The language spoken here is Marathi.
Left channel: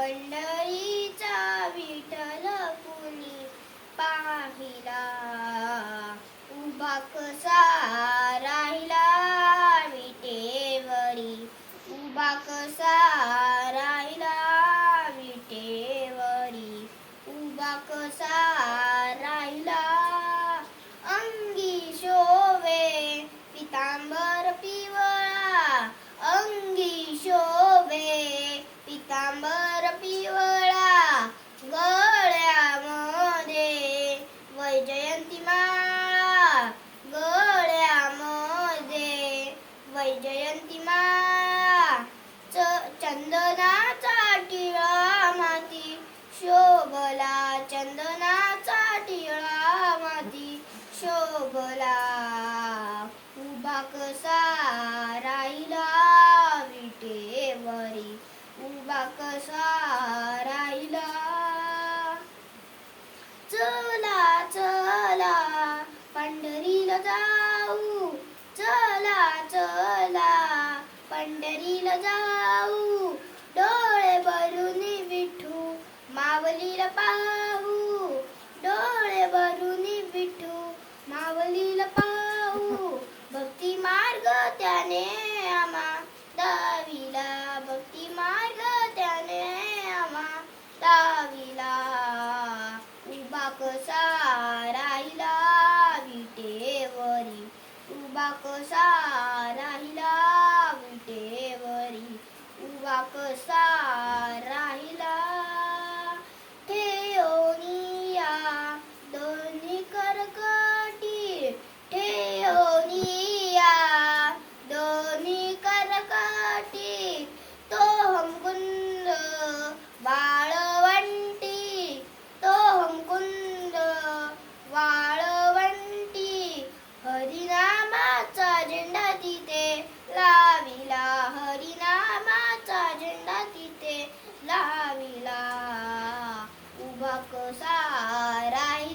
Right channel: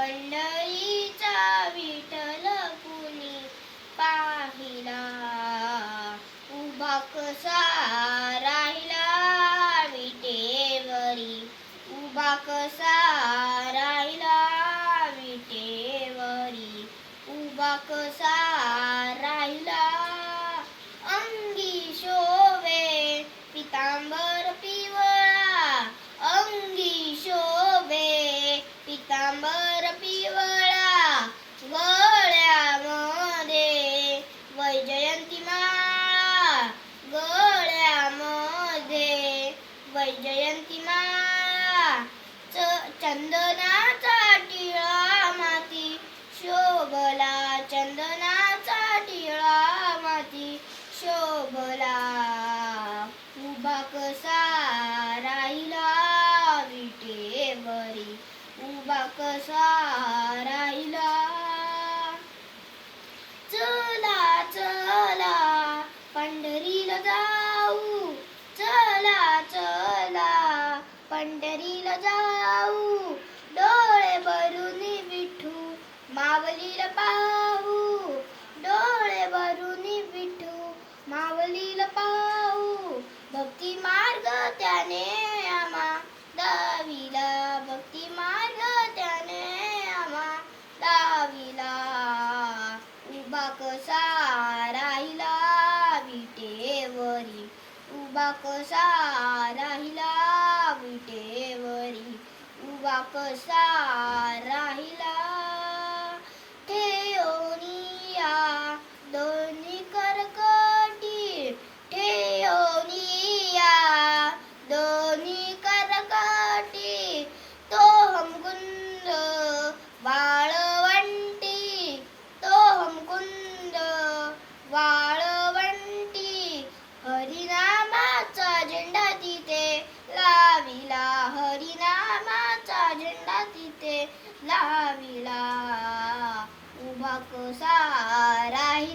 पंढरीचा विठ्ठल कुणी पाहिला? उभा कसा मोर पिवळा गळ्या वैजयंती माळा गळ्या वैजयंती माळा. च चंदनाचा टिळा माती शोभला चंदनाचा टिळा माती शोभला उभा चला चला पंढरीला जाऊ. चला चला पंढरीला जाऊ. डोळे भरून विठू मावलीला पाहू. डोळे भरून विठू मावलीला पाहू. भक्ती मार्ग त्याने आम्हा दाविला भक्ती मार्ग त्याने आम्हा दाविला उभा कसा राहिला विटेवरी उभा कसा राहिला विटेवरी उभा कसा ते लाविला. उभा कसा राही